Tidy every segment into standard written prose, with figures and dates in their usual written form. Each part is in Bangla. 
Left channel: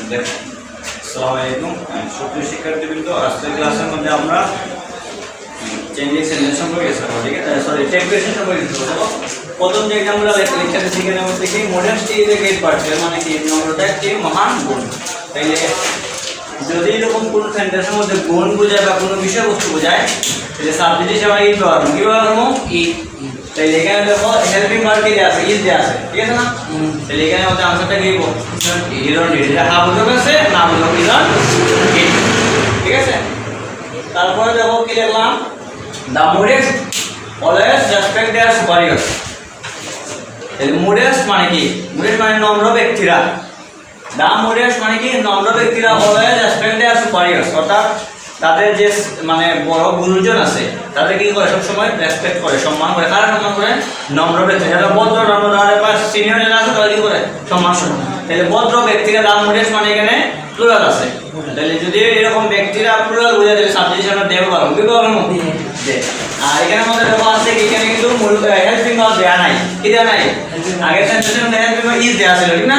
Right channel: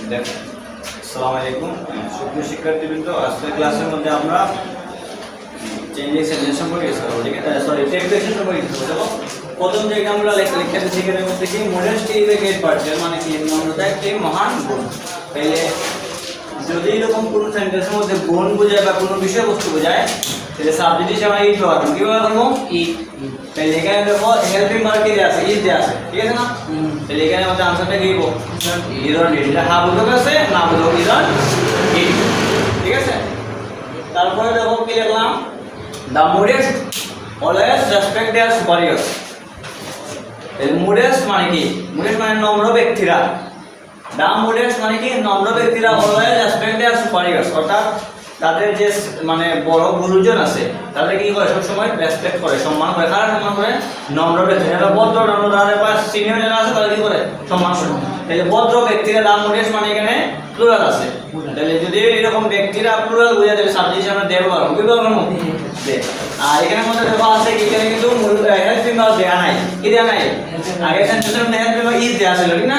আসসালামু আলাইকুম সুপ্রিয় শিক্ষার্থীবৃন্দ, আজকের ক্লাসের মধ্যে আমরা চেঞ্জিং সেন্টেন্স সম্পর্কে শিখব। ঠিক আছে, সরি টেক্সটেশন সম্পর্কে শিখব। প্রথম যে আমরা লিখতে সেখানে মধ্যে কি modesty is a great person, মানে কি নম্রতা একটি মহান গুণ। তাইলে যদি এরকম কোনো সেন্টেন্সের মধ্যে গুণ বোঝায় বা কোনো বিষয়বস্তু বোঝায় তাহলে সাবজেক্ট হিসেবে আমরা ই ব্যবহার করব। কি ব্যবহার করব? ই। তাইলে এখানে দেখো হেল্পিং ভার্ব কি আছে? ইজ দেয়া আছে, ঠিক আছে না? তাহলে এখানে আমাদের আনসারটা কি লিখব? Is on did. এটা হ্যাঁ বোঝা গেছে, না বোঝা ইজ অন ডিড, ঠিক আছে। তারপরে দেখো কি লিখলাম, দা মোডেস্ট অলওয়েজ রেসপেক্ট দেয়ার সুপারিয়র্স। এই মোডেস্ট মানে কি? মোডেস্ট মানে নম্র ব্যক্তিরা। দা মোডেস্ট মানে কি? নম্র ব্যক্তিরা অলওয়েজ রেসপেক্ট দেয়ার সুপারিয়র্স, অর্থাৎ তাদের যে মানে বড় গুরুজন আছে তাদের কি করে? সবসময় রেসপেক্ট করে, সম্মান করে। কারা সম্মান করে? নম্র ব্যক্তি, যারা ভদ্র নম্র, তাদের পাশে সিনিয়র যারা আছে তারা কি করে? সম্মান করে। তাহলে ভদ্র ব্যক্তিরা দা মোডেস্ট মানে এখানে প্লুরাল আছে। তাহলে যদি এরকম ব্যক্তিরা প্লুরাল বোঝায় তাহলে সাবজেক্ট হিসেবে দেব পারো। কি পারো? দে। আর এখানে মধ্যে দেখো আছে কি, এখানে কিন্তু মূল হেল্পিং ভার্ব দেয়া নাই। কি দেয়া নাই? আগের সেন্টেন্সের মধ্যে হেল্পিং ভার্ব ইজ দেয়া ছিল, ঠিক না?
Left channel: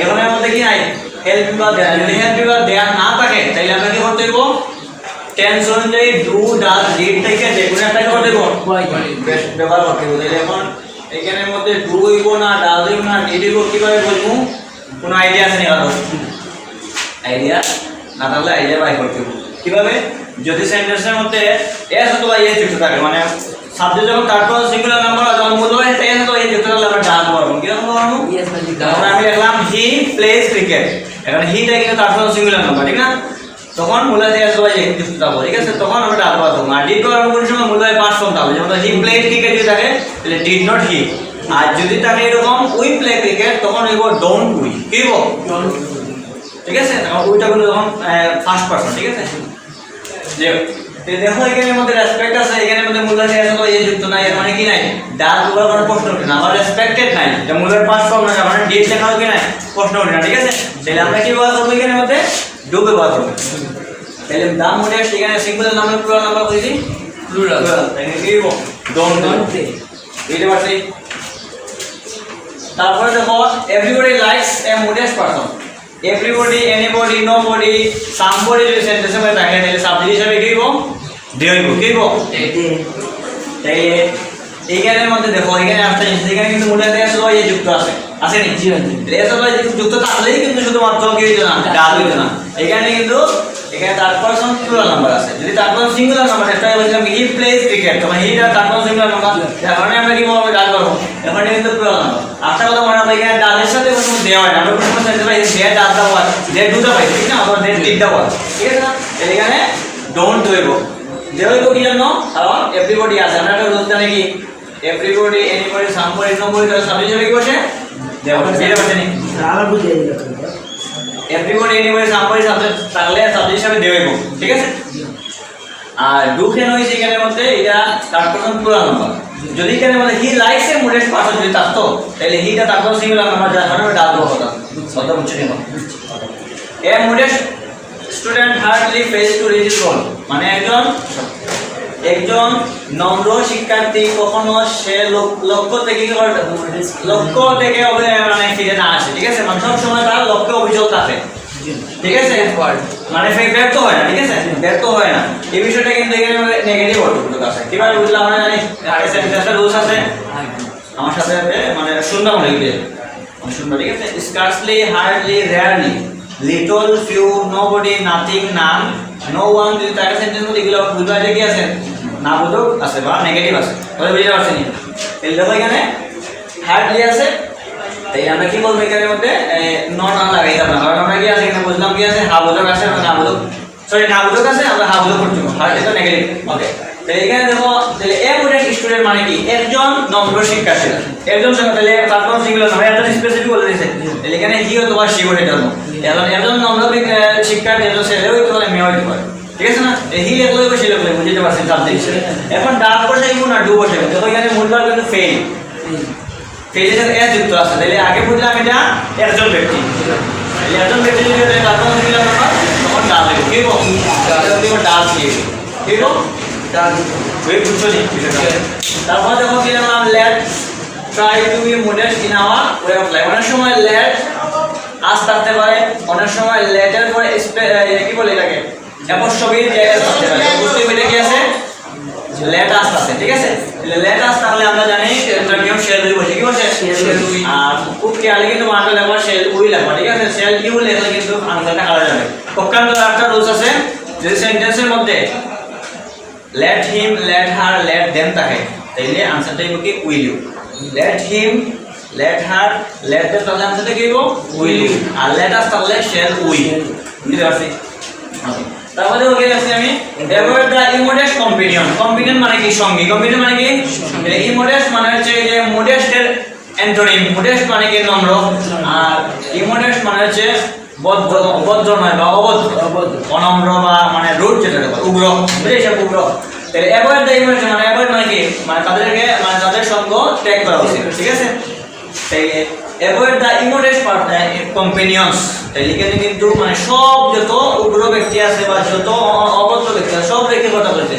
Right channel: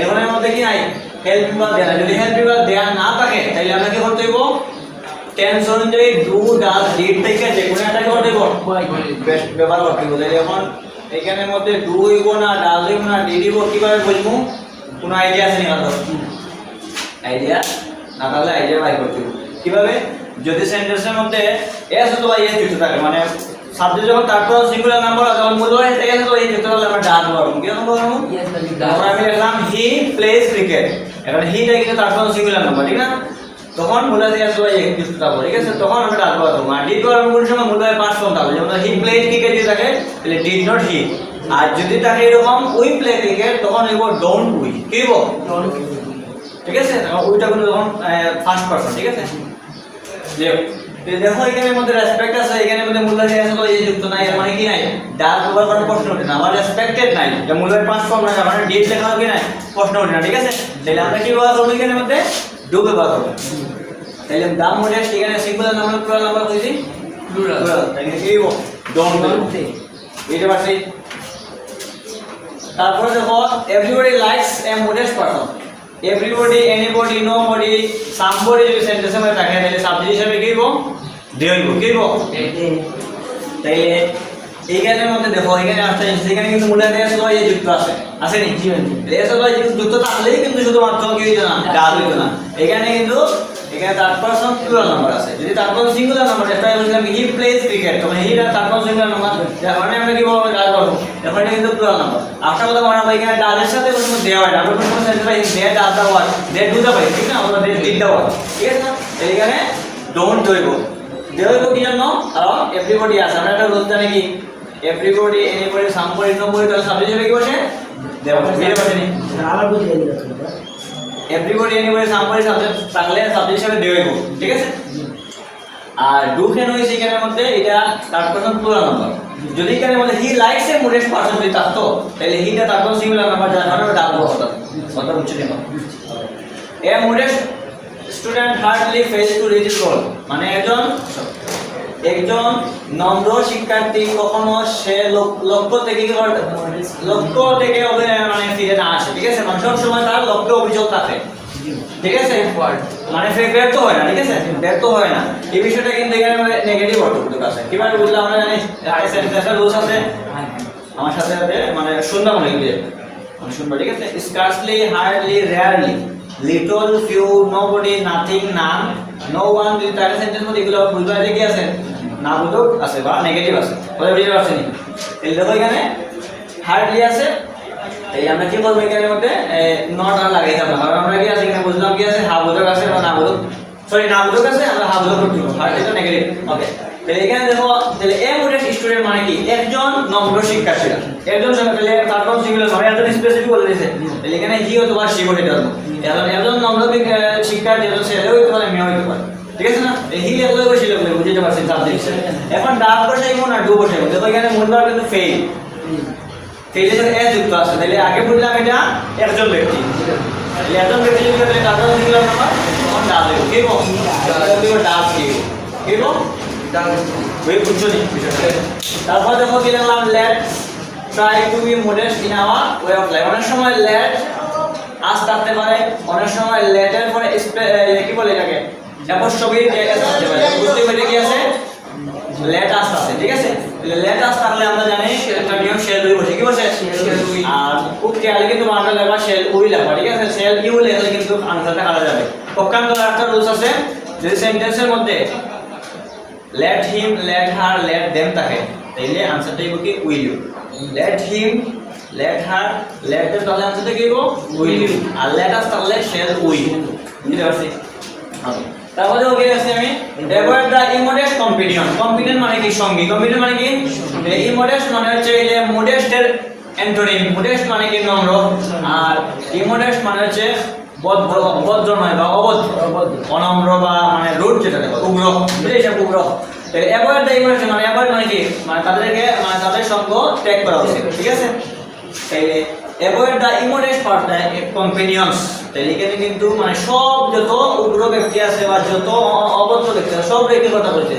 এখানের মধ্যে কি নাই? হেল্পিং ভার্ব দেয়া। যদি হেল্পিং ভার্ব দেয়া না থাকে তাহলে আমরা কি করতে হবে? টেন্স অনুযায়ী ডু, ডাজ, ডিড থেকে যে কোনো একটা করে দেব ব্যবহার করতে হবে। এখন এখানের মধ্যে ডু হইব না, ডাজ হইব না, ডিড হইব, কি করে বুঝবো? কোনো আইডিয়া আছে না? আইডিয়া না থাকলে আইডিয়া বাই করতে হবে। কিভাবে? যদি সেন্টেন্সের মধ্যে এস অথবা ইএস যুক্ত থাকে, মানে সাবজেক্ট যখন তারপর সিঙ্গুলার নাম্বার তখন মূলবাহী এস অথবা ইএস যুক্ত থাকলে আমরা ডাজ করব। কি করব? ইএস বাই ডিড। তারপর আমি লিখলাম হি প্লেজ ক্রিকেট। এখন হিটা কিন্তু তারপর সিঙ্গুলার নাম্বার, ঠিক না? তখন মূলবাহী এস অথবা ইএস যুক্ত থাকবে, ঠিক আছে? তখন আমরা ডাজ করব। আর ডিড তো আমরা কোন সময় মূলবাহী পাঁচ ফর্ম থাকবে, যেমন হি প্লেড ক্রিকেট যদি থাকে তাহলে ডিড নট হি। আর যদি থাকে এরকম উই প্লে ক্রিকেট তখন লিখব ডোন্ট উই। কি লিখব? ডোন্ট উই, ঠিক আছে? তখন উইটা গুলো তখন ফার্স্ট পারসন, ঠিক আছে? দেখো এখানের মধ্যে রেসপেক্ট আছে, এখানের মধ্যে মূলবাহী এস অথবা ইএস যুক্ত নাই, এর মানে কি নাই? ডাজ বলার কোনো প্রশ্ন ওঠে না। আবার রেসপেক্টেড নাই, এটা মূলবাহী পাঁচ ফর্ম না, মানে ডিড লেখা হবে কি নাই? প্রশ্ন ওঠে না, ঠিক আছে? তাহলে আমরা কি ব্যবহার করব? এখানের মধ্যে ডু ব্যবহার করব। তাহলে দা মোডেস্ট এখানে সিঙ্গুলার নাম্বার প্লুরাল নাম্বার কইছি প্লুরাল, তাহলে কি লিখব? Don't play. এইটা আছে। তারপরে দেখো everybody likes a modest person. Everybody, anybody, nobody, somebody যদি সেন্টেন্সে মধ্যে থাকে তাহলে সাবজেক্ট হিসেবে কি লিখব? দে হইব। কি লিখব? দে। তাহলে এইখানের মধ্যে দেখো এখানে আসছে, এখানে কিন্তু মোডেস্ট এস অথবা ইএস যুক্ত আছে, আছে নি? জি। এস অথবা ইএস যুক্ত থাকলেই কিন্তু শুধুমাত্র কি হইতো না? ডাজ হইতো না। এখানে কিন্তু এখানে থার্ড পারসন প্লুরাল নাম্বার আছে। যদি থার্ড পারসন সিঙ্গুলার নাম্বার এটা বলছিলাম হি প্লেজ ক্রিকেট, তখন হি আর থার্ড পারসন সিঙ্গুলার নাম্বার, এখন আমরা কি বলবো? ডাজ করব। এখন এটা কিন্তু প্লুরাল নাম্বার। আরেকটা কথা মনে রাখবে, এখানে ডাজের সাথে কোনো দে হয় না। আমরা কোনো সেন্টেন্স পাই দে ডাজ দা ওয়ার্ড, দে দুটো পাই, ঠিক না? অথবা দে ডিড দা ওয়ার্ড, ঠিক আছে না? তাহলে এখানে ডোন্ট হইব। দে হইব কি জন্য? কারণ এভরিবডি আছে। আমরা একটা রুল জানি কি, এভরিবডি, এনিবডি, সামবডি, নোবডি তাহলে সাবজেক্ট হিসেবে কি বসে? দে বসে। এটা বসে নি? আবার বুঝিয়ে দিলাম। এভরিবডি, এনিবডি, সামবডি সাবজেক্ট থাকলে সাবজেক্ট হিসেবে দে হইব, ঠিক আছে? আর ডু কেন হইছে এখানের মধ্যে? এটা থার্ড পারসন প্লুরাল নাম্বার। যদি এখানে মানে he likes a modest person যদি থাকতো তাহলে হিটা তারপর সিঙ্গুলার নাম্বার, যার কারণে ডাজ হতো। কত বুঝছো নি? A modest student hardly fails to reach his goal, মানে একজন নম্র শিক্ষার্থী কখনো সে লক্ষ্য থেকে মানে ফিরে না আসে, ঠিক আছে? মানে সব সময় তার লক্ষ্যে অবিচল থাকে, ঠিক আছে? মানে ব্যর্থ হয় না, ঠিক আছে? ব্যর্থ হয় না। এই বিষয়টা কিন্তু এখানে মানে নেগেটিভ অর্থ আছে। কিভাবে বুঝলাম? আমরা জানি সেন্টেন্সের রুলস আছে, আমার সাথে মানে শুনবা মনে হইবে, আমি শুনবা, ঠিক আছে? Scarcely, hardly, rarely, little, few, nobody, nothing, none, no one. যদি তার সেন্টেন্স মধ্যে এগুলো বুঝবা যে কি আছে? না বোধক আছে বা নেগেটিভ আছে, বলে বুঝতে পারছেন? তাহলে দেখো এখানে হার্ডলি আছে, তাই আমরা কি বলবো এখানের মধ্যে? নট আর লাগাইতাম না, কারণ আমরা কি আছে এখানে বুঝলাম কি আছে? হা বোধক আছে না বোধক, সরি না বোধক আছে, আমরা হা বোধক করতে হবে। হার্ডলি তো নেগেটিভ, ওকে? তাহলে এখানে দেখো তাহলে এ মোডেস্ট স্টুডেন্ট মানে কি? একজন নম্র শিক্ষার্থী। একজন সঙ্গে তাহলে তারপর সিঙ্গুলার নাম্বার একজন স্পেসিফিক বলে দিয়েছে, তাহলে এখানে হি অথবা সি বলে দিতে হবে। এখন একজন নম্র শিক্ষার্থী একজন ছেলে হইতে পারে, মেয়ে হইতে পারে, ঠিক আছে না? হি লেখলে বসে লেখলে বুঝতে পারছেন সাবজেক্ট। এখন ডাজ বসে কি না ডু বসে, দেখো এখানে মূলবার কিন্তু ফেল, ফেলের এস যুক্ত আছে। তাহলে আগে বুঝলাম এটা একজন ব্যক্তি, তাহলে একজন ব্যক্তি যদি তারপর সিঙ্গুলার নাম্বার তখন ডাজ দেব। কি বল? ডাজ দিয়ে কি বল? ডাজ ওই বুঝছো নি? তারপর দেখো কি লিখলাম, let try to be modest in our way of life. অনেক সময় লেট আস থাকতে পারে, অনেক সময় লেটের পরে কি বলে এটাকে অ্যাপোস্ট্রফি যে এস থাকতে পারে। অ্যাপোস্ট্রফি এটা কি আছে? লেট আস আছে, ঠিক আছে? লেট আস থাকলে আমরা জানি একটা নিয়ম শেল উই বসে, কি বসে? Shell we. আর খুব খেয়ালে কিন্তু বানানটা লেখা শেল উই লেখা, ঠিক আছে? শেল ইউ লেখলে কিন্তু আনসারটা কাটা যাবে। পক্ষান্তরে একটা রুলস আছে, যে সেন্টেন্সের মধ্যে let him, let her, let them থাকে, তাইলে আনসারটা হবে কি will you। let him, let her, let them তাহলে আনসারটা কি হবে will you। R let us তাহলে shall we। বুঝতে পারছি? ওকে, তাহলে ওকে আছে আমি avoid the immodest companion। companion মানে কি? সঙ্গী। companion মানে কি? immodest মানে হচ্ছে যে modest এর অ্যান্টোনিম। modest মানে কি? নম্র। আর immodest মানে হচ্ছে বদ্ধ, অভদ্র নয় বা অভদ্র, অনম্র বা মানে রুড, যেটা উগ্র, বুঝেছ? উগ্র। তাহলে অ্যাভয়েড দ্য ইমোশন মানে অ্যাভয়েড মানে কি? মানে তাদেরকে মানে তাদের সঙ্গ ত্যাগ করা উচিত, ঠিক আছে? তাইলে অ্যাভয়েড দ্য ইমোডেস্ট পার্ট দ্য কম্পেনিয়নস। তাইলে এখানে কিন্তু মানে সব যত উগ্র ব্যক্তি আছে বা যত অভদ্র ব্যক্তি আছে সব ব্যক্তির কথা বলছে।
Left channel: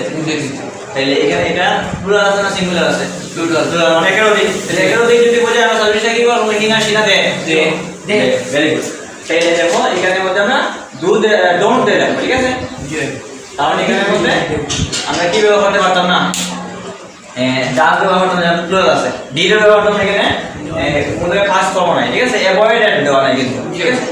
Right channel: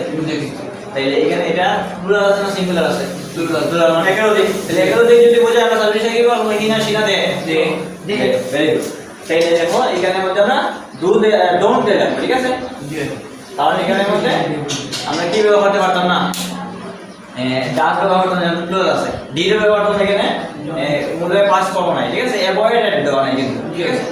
তাইলে এখানে এটা প্লুরাল আছে না সিঙ্গুলার আছে? প্লুরাল মানে একাধিক। তাহলে একাধিক যদি বোঝায় আমরা সাবজেক্টে কি বলবো? কিনা সিনা দে দে। Very good. তাইলে দেখো এখানের মধ্যে আমরা ডু ডোন্ট দে লিখব, ঠিক আছে? তাহলে এখানের মধ্যে আমরা কি ব্যবহার করতে পারতাম না? ডাস ব্যবহার করতে না, প্লুরাল আছে। ডি এর ব্যবহার করতে এখানে মধ্যে পাস কম নাই, ঠিক আছে? অ্যাভয়েড এট দেওয়া নাই কিন্তু, ঠিক আছে?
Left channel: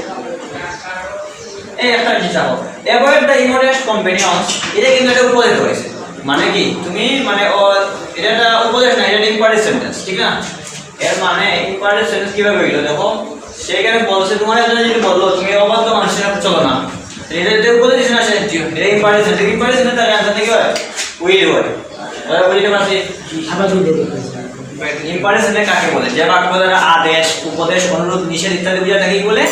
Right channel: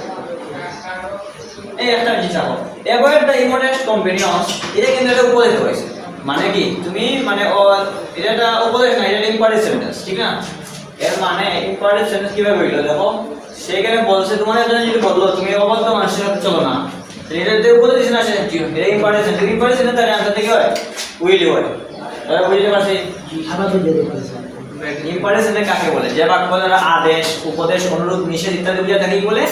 এই একটা জিনিস আছে, অ্যাভয়েড দ্য ইমোডেস্ট কম্পেনিয়নস। এটা কিন্তু একটা উপদেশ হয়েছে। মানে কি? তুমি মানে এটা একটা উপদেশ না, এটা ইম্পারেটিভ সেন্টেন্স, ঠিক না? এর মানে ইম্পারেটিভ সেন্টেন্স কিভাবে হইলো দেখো। সেখানে বলছে তোমার জন্য যদি বললো তুমি অবাধ্য মানুষের সাথে চলো না, এটা যে উপদেশ না সে এটা ইম্পারেটিভ সেন্টেন্স। ইম্পারেটিভ সেন্টেন্স তার অ্যানসার কি হয়? উইল ইউ হয়। আমরা বুঝতে পারছি? আবার দিলে দেখতেছি ইম্পারেটিভ সেন্টেন্স কাকে বলে? যে বাক্য দ্বারা আদেশ, উপদেশ, অনুরোধ, নিষেধ ইত্যাদি বোঝায় তাকে কি বলে?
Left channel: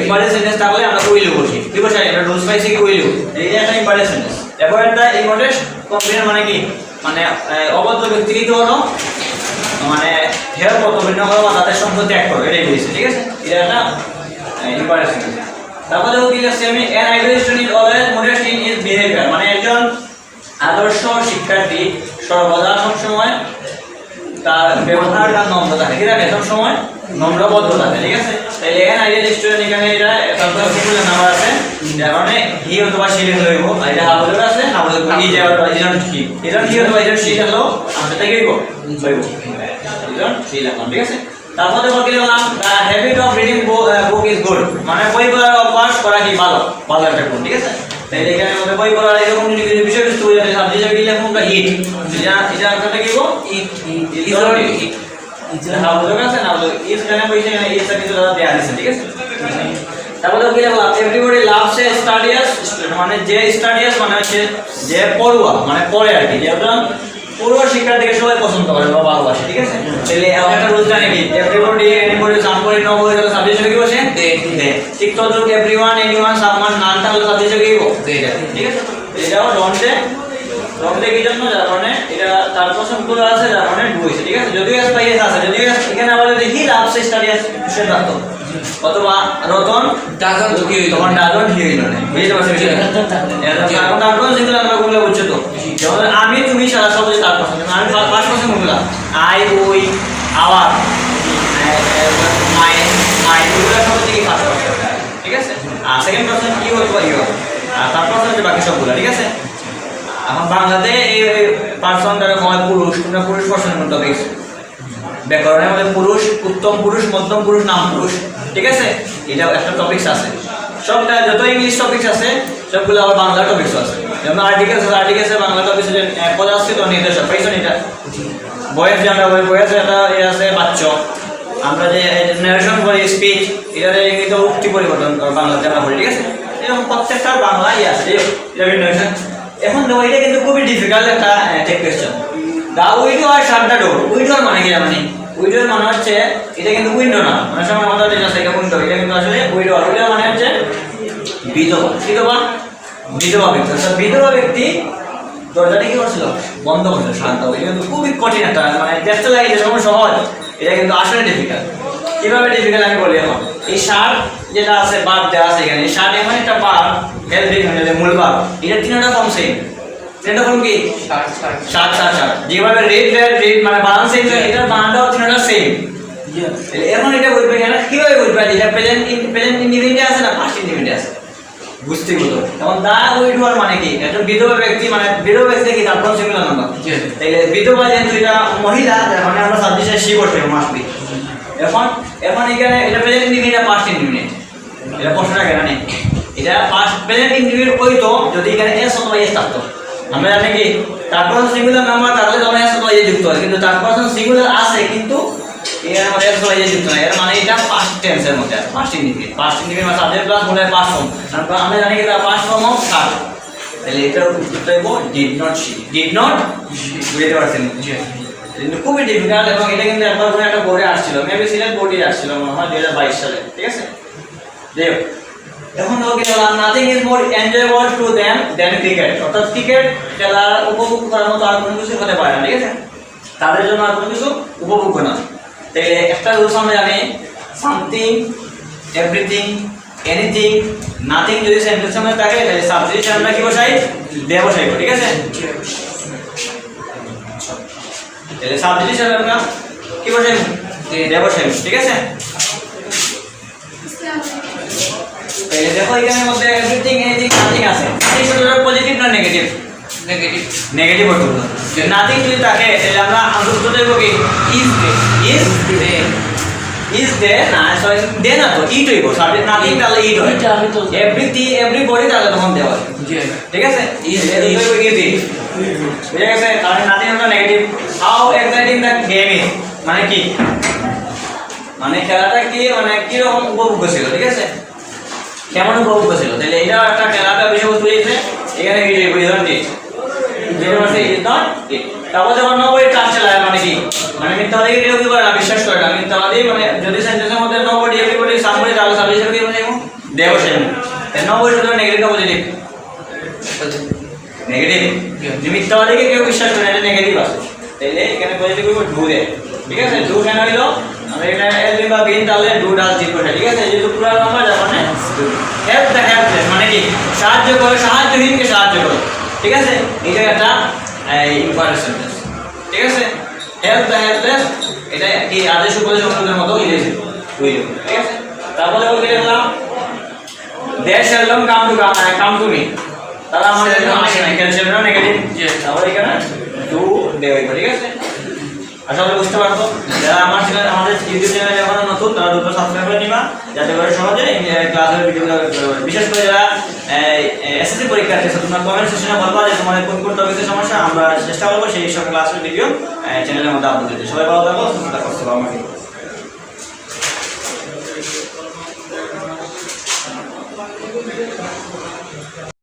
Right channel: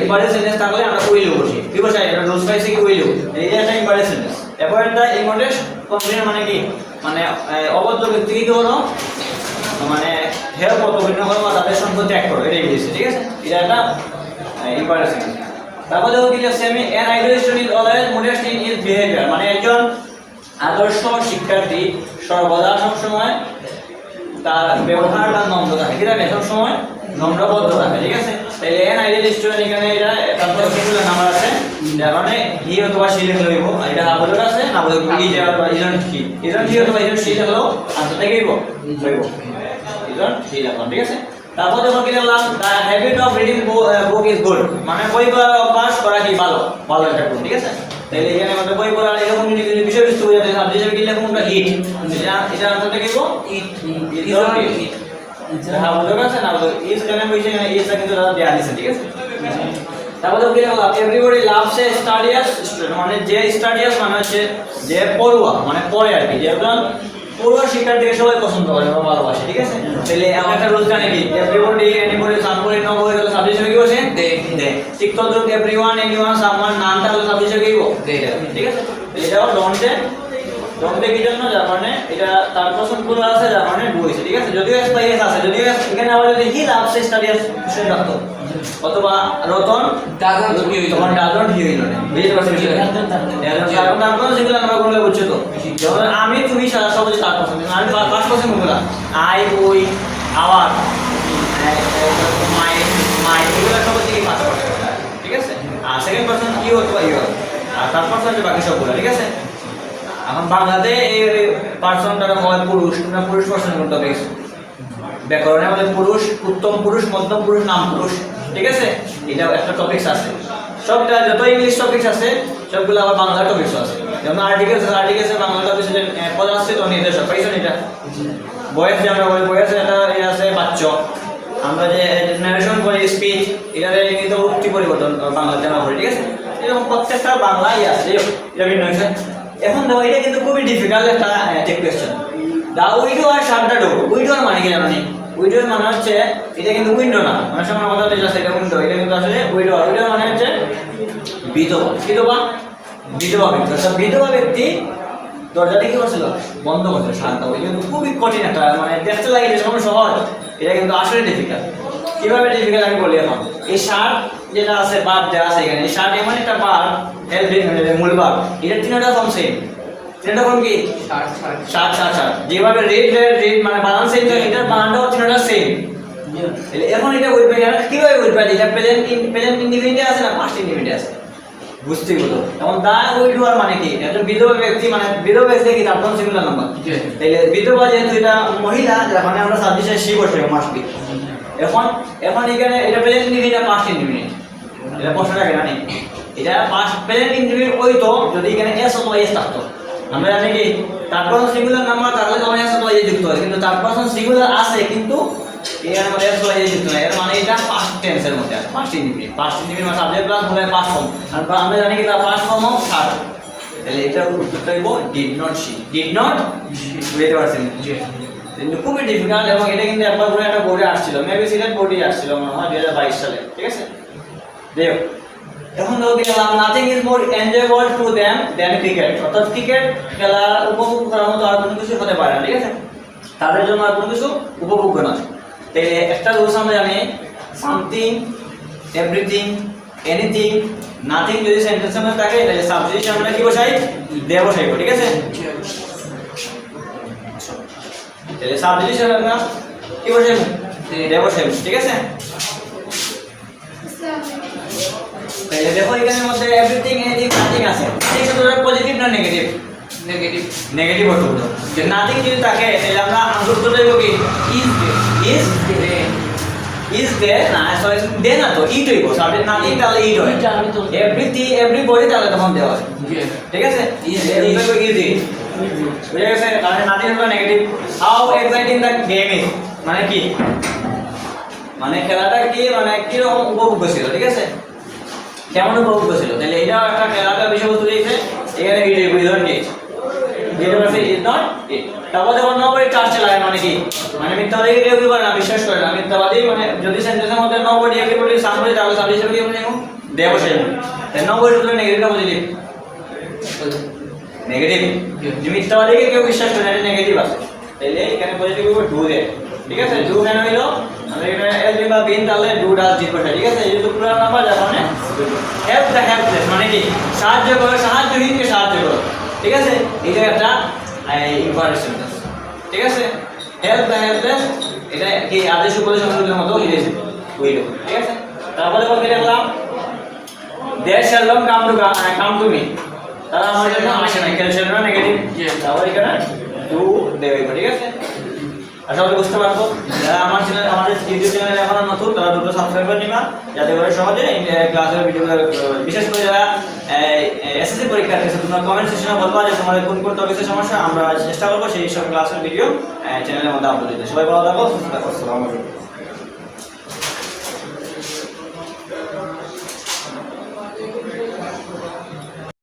Imperative sentence. তাহলে আমরা উইল ইউ বসি, কি বসাই? এটা রুলস পাইছে কি উইল ইউ। এটা একটা imperative sentence. Avoid the immodest companion মানে কি? মানে অভদ্র ব্যক্তিগত হলো মানে হেরা কর্তব্য করো বা তাদের সঙ্গ ত্যাগ করো, এটাই বলছে, ঠিক আছে? এটা একটা ইম্পারেটিভ সেন্টেন্স। তারপরে কি আছে আমি an ideal student is always modest in his behavior। মানে একজন আদর্শ শিক্ষার্থী সর্বদা সব সময় তার ব্যবহারটা নম্র থাকে, ঠিক আছে? সব সময় নম্রবদ্ধ থাকে, ঠিক আছে? তাহলে an ideal student এখানে এটা তারপরে কি বললেন নাম্বার আছে, মানে হি অথবা সে লইব। আর এটা হাবুল আছে, হাবুল কি যে ইজন কি, ইজন কি অথবা ইজন সে হলো আমটা কি লইব? ইজন সে লাগবে, ঠিক আছে? তারপর দেখো কি লিখলাম, the habit of reading book is good. মানে বই পড়ার অভ্যাস করা কি ভালো, ভালো একটা গুণ, ঠিক আছে? তাহলে এখানে আমাদের বই পড়ার এরকম যদি বিষয়বস্তু হয়ে যায় সাবজেক্টে কি লিখুন বা ইট, এটা এটা আনসারটা কি লিখব? It is or it. এটা হাউ বলতে আছে না, ইজ কেন কইছে না, ইজ টা কিন্তু দাদা দেয়া আছে, ঠিক আছে? তারপরে কি লিখলাম, এভরিবডি লাভস এ স্টাডিয়াস স্টুডেন্ট। মানে যে স্টাডিয়াস মানে হচ্ছে যে পড়ুয়া, মানে পড়ে আর কি, যে একজন পূর্ব শিক্ষার্থীকে সবাই পছন্দ করে বা ভালোবাসে, ঠিক আছে? তাহলে একটা রুল জানি কি, এভরিবডি এনিবডি সামবডি নবডি হলো সাবজেক্ট কি বসে? দে দে। ঠিক তদ্রুপ এভরিওয়ান এনিওয়ান সামওয়ান নানটা হলো সাবজেক্ট কি বলবো? দে, ঠিক আছে? এটাও ডন্টে ডন্টে কি জন্য? যার মানে এটা তার পছন্দ করা আছে, যার মানে ডু হইছে, ঠিক আছে? যদিও এস পাইয়ে আছে, যদিও এখানে আবার যদি হি লাভস স্টাডিয়াস স্টুডেন্ট রাখতো অথবা রতন দাদা তো কি হইতো? তখন দাদন কি হইলো না, বুঝতে পারছেন? কারণ তারপর যেগুলো আমরা বললে বুঝছো তো, যেমন আমি তুমি সারা সবজি তার পছন্দ, আমি 5% মুখলা আই ওই আওয়ার মাই মাই এগুলো সব থেকে 5%, ঠিক আছে? আর সেকেন্ড পারসন কি হতো ইউ, আর তার পারসন যে বাকি সবগুলো, ঠিক আছে? এখন বাংলাতে এই পারসন দ্বারা হয় পুরুষ, তোমরা পুরুষ পারসন করতে দেখছো ব্যাকরণের মধ্যে পুরুষ, উত্তম পুরুষ, মধ্যম পুরুষ, নাম পুরুষ, ঠিক আছে? এটা একটা টপিকস আছে। সবটা যত ইংলিশ টপিকস আছে সবগুলো আবার বাংলা টপিকস আছে। যেমন আর্টিকেলস আছে, আর্টিকেলসে বাংলা টপিকস পদ আছে তো নির্দেশক পাইছো এটা। বয়েস যে আমরা বলি বয়েস এটা আছে বাচ্চ। আমরা যে নারেশন করি স্পিচ, এটা কিন্তু উক্তি পরিবর্তন বাংলাতে আমরা বলি, ঠিক আছে? এরকম প্রত্যেকটা বাংলাই আছে এটা নারেশন। এখন না এটা কিন্তু খুবই ডিফিকাল্ট একটা টেক কোয়েশ্চেন। দা উইডো আর শাট দা ডোর। উইডোর মানে কি জানি? উইডোর মানে হচ্ছে এটা কিন্তু উইন্ডো না, মানে সময় আমাদের যেটা আছে এটা উইন্ডো, এটা কিন্তু আসলে উইডো। উইডো মানে হচ্ছে বিধবা, বিধবা বিধবা ব্যক্তি। অর্থাৎ বিধবা ব্যক্তি দরজাটা কি করছিল? বন্ধ করছিল, শান্ত। এটা কিন্তু খুবই কঠিন একটা, মানে দেখতে লাগে যে সময় সহজ, এটা কিন্তু আসলে ডিফিকাল্ট। কিভাবে ডিফিকাল্ট আমি বলি এখন। এই শার্ট যেটা আছে বাদ দেওয়া আছে এখানে, শার্ট এমন একটা বার হেল্পিং মানে মূল বার, এটা তিনটা ফর্ম সেম। এটা ফর্ম কি? Shirt shirt shirt shirt. যেভাবে রেড রেড রেড মানে বানান সেম, এটা বানানটাও তিনটা সেম। তাহলে এখন এটা বলবে এখানে কিভাবে বলবে এটা প্রেজেন্ট ইনডিফিনিটে আছে না পাস্ট ইনডিফিনিটে আছে বুঝতে গেল তখন দা উইডোয়ার মানে কি একটা বিধবা ব্যক্তি মানে বিধবা ব্যক্তি কি তার প্রথম সিঙ্গুলার নাম্বার তাহলে বিধবা যেহেতু এটা মহিলা মানে আমরা সাবজেক্টে সি বসে মাস্ট বি এখন এখানে এটা প্রেজেন্ট ইনডিফিনিট না পাস্ট ইনডিফিনিট এটা প্রশ্নটা কেন নেই এটা পাস্ট প্রেজেন্ট ইনডিফিনিট হইতো যদি এখানে এস অথবা এস থাকতো আমরা জানি কি তারপর সিঙ্গুলার নাম্বার তাহলে তখন এস অথবা এস যুক্ত হয় কিন্তু তারপর সিঙ্গুলার আছে কিন্তু এখানে আমাদের এস অথবা এস যুক্ত হয় এর মানে এটা পাস্ট টেন্সের মধ্যে পাস্ট ইনডিফিনিট মানে সাবজেক্ট প্লাস বলে পাস্ট ফর্ম তারপর আমরা জানি কি পাস্ট ফর্ম অফ থার্ড তাহলে এটা উত্তর হইব ডিড নট বুঝতে পারছেন কিন্তু খুবই ডিফিকাল্ট এবং এটা কিন্তু একবার করে একটা বোর্ডে আসছিল মেবি সিলেট বোর্ডে আসছিল মনে হয় 2022 সালে ঠিক আছে দেখো তখন লোকে বললাম nothing is more enjoyable to them than cricket অর্থাৎ ক্রিকেট খেলা উপভোগ করার মতো আর কোনো কিছু হতে পারে না ঠিক আছে তাদের জন্য আর কোনো কিছু উপভোগ্য না তাহলে একটা রুলস আমরা জানি সামথিং এভরিথিং এনিথিং নাথিং যদি সেন্টেন্সের মধ্যে থাকে তাহলে সাবজেক্ট আমরা কি বসাই দে বসাই ঠিক আছে তাহলে সাবজেক্ট আমরা কি বসাই দে বসাই ঠিক আছে তাহলে দেখো এখানের মধ্যে এভরিথিং এনিথিং নাথিং আছে এই শুধু পজিটিভ না নেগেটিভ নেগেটিভ অর্থ যে নাথিং যদি থাকে তাহলে আমরা আনসার দেব কি ইজ দে না সরি দে না তো ইট হইব সাবজেক্ট নাথিং তাহলে ইট হয় এভরিথিং এভরিবডি তাহলে তখন দেওয়া ঠিক আছে ইজ ঠিক আছে তাহলে নাথিং হলো negative how exciting the game is মানে কি মানে খেলাটা কি মানে কি রকম উপভোগ্য ছিল ঠিক আছে কেমন উপভোগ্য ছিল তাহলে এটা একটা খেলাটা বিষয়বস্তু লিখলে এখানে কি লিখব ইজ নট ইট যেটা মানে ইজ নট ইট তারপর যখন নো ওয়ে ট্রান্স চালায় মানে কি মানে মিথ্যাবাদী কেউ কি করে না বিশ্বাস করে না মিথ্যাবাদী মানে যদি সেন্টেন্সের মধ্যে নো বডি এভরিবডি সামনে তাহলে সাবজেক্ট হিসেবে কি বলবো দেবশেন নো বডি শুধু নেগেটিভ না পজিটিভ নেগেটিভ যে মিথ্যাবাদীকে কেউ বিশ্বাস করে না এটা নেগেটিভ আছে তাহলে এখানে পজিটিভ হইব ডু দে ঠিক আছে ডু কেন হইলো আমরা এখানে এল বা বিন তাহলে ডু ডাজ জিরো ঠিক আছে এই যে পুরো নাম্বার মানে হেল্প দ্য হেল্পলেস মানে কি সাহায্য করে সাহায্যহীনকে সাহায্য করে ঠিক আছে এই যে একটা ইম্পর্টেন্ট সেন্টেন্স ঠিক আছে হেল্প দ্য হেল্পলেস এটা কি আদেশ উপদেশ অনুদের মতো ইংরেজি ঠিক আছে তারপরে আমরা কি লিখলাম they shall not come to me তাহলে আমাদের জন্য আসে না ক্যালসিয়াম না নেগেটিভ তাহলে এখানে ডু দেবে ঠিক আছে আশা করি বুঝতে পারছো যারা আমাদের ইউটিউব চ্যানেলে এখন নতুন তারা দ্রুত সাবস্ক্রাইব করে নিবা যাতে করে সহজে ক্লাসের ভিডিওগুলো বিশেষ করে যারা এসএসসি পরীক্ষার্থী তোমরা কমেন্ট সেকশনে বলবা যে তোমাদের কোন কোন টপিকের সমস্যা আমরা চেষ্টা করব সেই সব ক্লাসের ভিডিও চ্যানেলের মধ্যে আপলোড দিতে সবাই ভালো থাকো সুস্থ থাকো আসসালামু আলাইকুম